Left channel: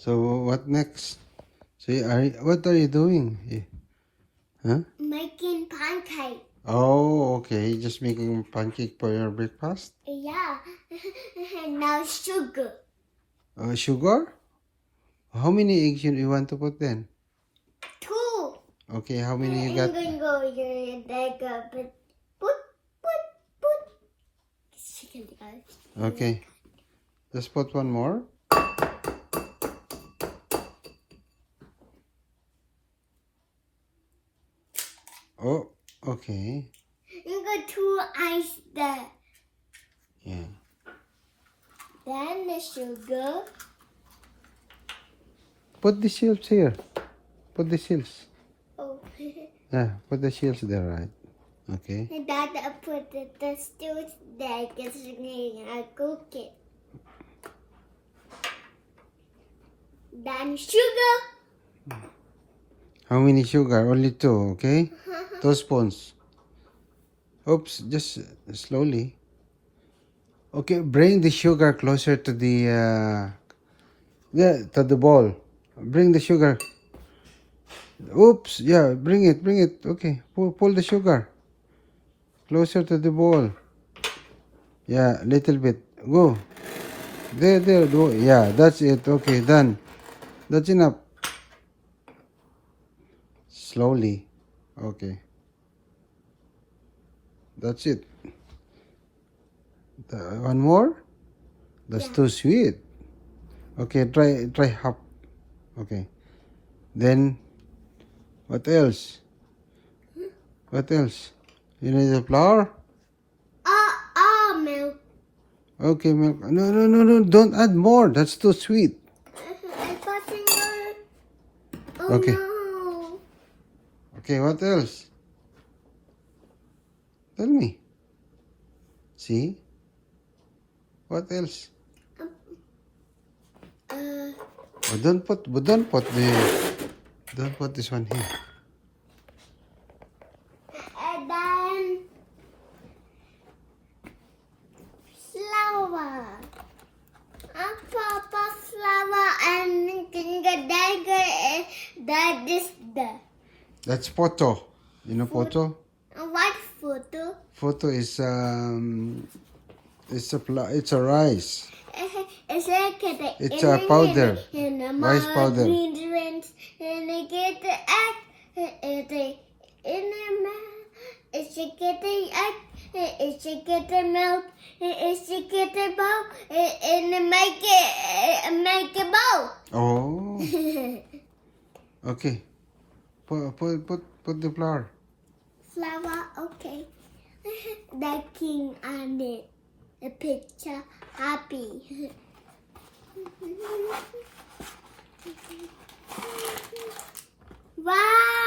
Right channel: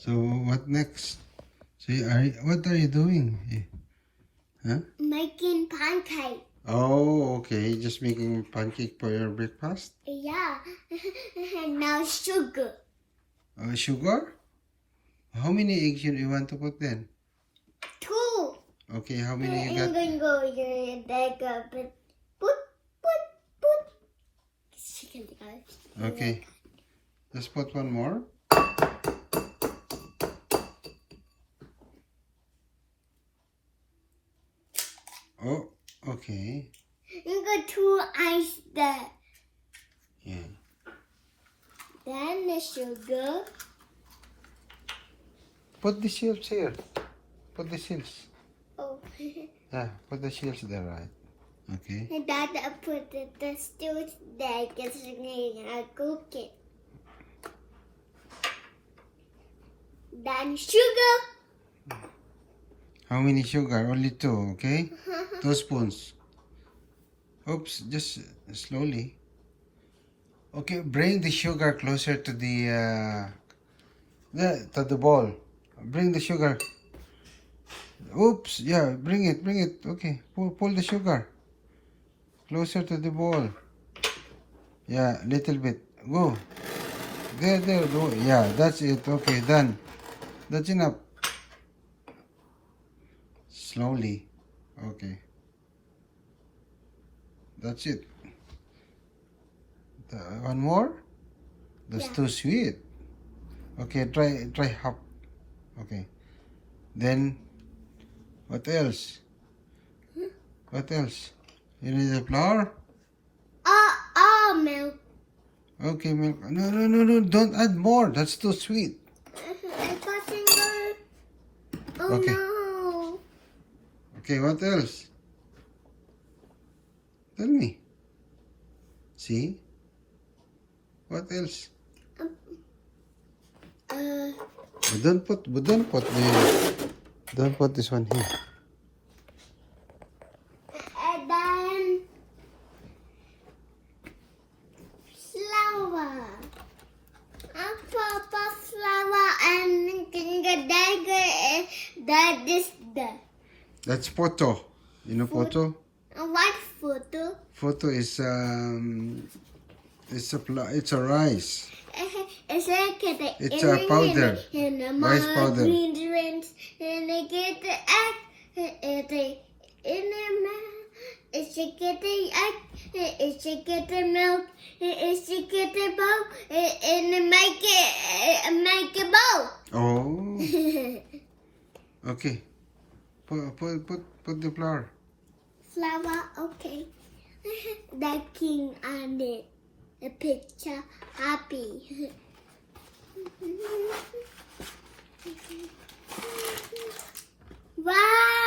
So what next? So what are you doing? Huh? Making pancake. Oh, okay. Just making pancake for your breakfast. Yeah. Now sugar. Sugar? How many eggs you want to put then? 2. Okay, how many you got? I'm going to go here. There go. Put. Okay, just put one more. Oh, okay. You got 2 ice there. Yeah. Then the sugar. Put the shields here. Put the shields. Oh. Yeah, put the shields there, right? Okay. And Dad, I put the stews there because I cook it. Then sugar. How many sugar? Only 2, okay? 2 spoons. Oops, just slowly. Okay, bring the sugar closer to the to the bowl. Bring the sugar. Oops, yeah, bring it. Okay, pull the sugar closer to the bowl. Yeah, little bit. Go. There, go. Yeah, that's it. Okay, done. That's enough. Slowly. Okay. That's it. One more? That's Yeah. too sweet. Okay, try half. Okay. Then, what else? What else? You need the flour? Milk. Okay, milk. No. Don't add more. That's too sweet. I got it. Oh Okay. no. Okay, what else? Tell me. See? What else? Don't put this one here. And then flour. And Papa flour and that is the. That's poto. You know poto? What photo? Poto is it's a rice. It's like the It's a powder. and the Rice powder. ingredients and I get the egg in the it's to get the egg, it's to get the milk, it's to get the bowl, and make a bowl. Oh. Okay. Put the flour. Flour, okay. The king on it. The picture happy. Wow!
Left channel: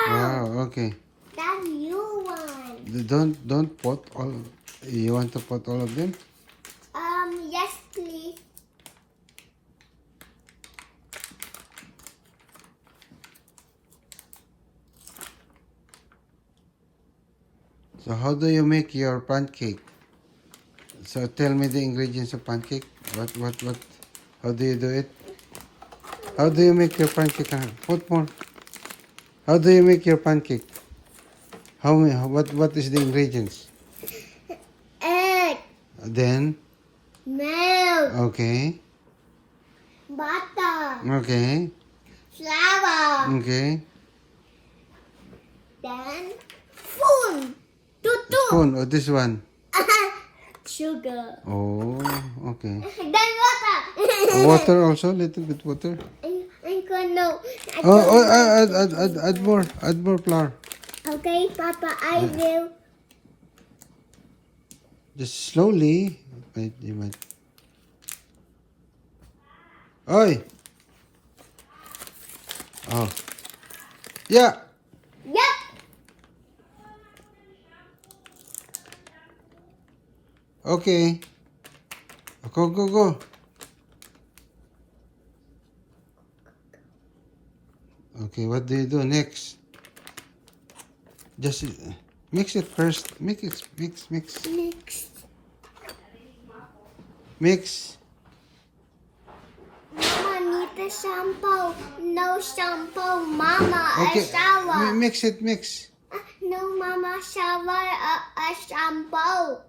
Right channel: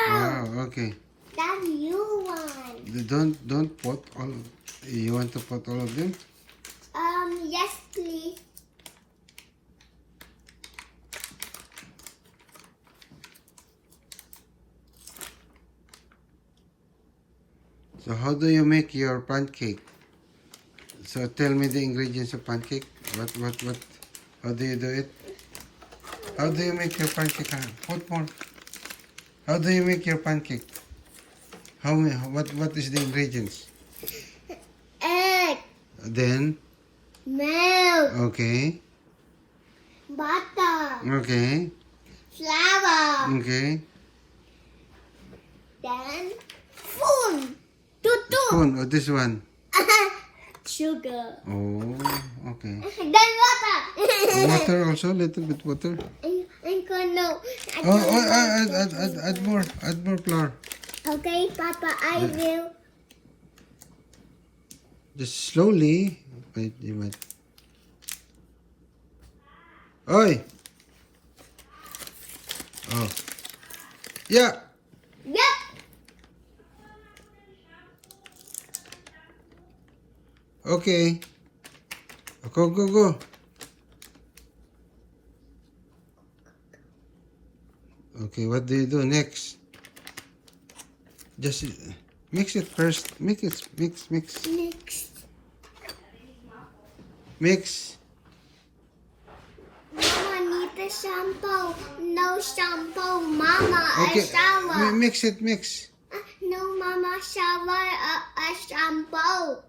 Wow. Okay. That's new one. Don't put all. You want to put all of them? Yes, please. So how do you make your pancake? So tell me the ingredients of pancake. What? How do you do it? How do you make your pancake? Put more. How do you make your pancake? What is the ingredients? Egg, Then, milk, okay, butter, okay, flour, okay. then spoon. Tutu. Spoon, or this one. Sugar. Oh, okay. Then water. Water also, little bit water. I'm gonna. Add more flour. Okay, Papa, I will. Just slowly. Wait, you might. Oi! Oh. Yeah! Yep. Okay. Go. Okay, what do you do next? Just mix it first. Mix. Next. Mix. Mama need the shampoo. No shampoo, Mama. Okay, A shower. mix it, mix. No, Mama. Shower. A shampoo.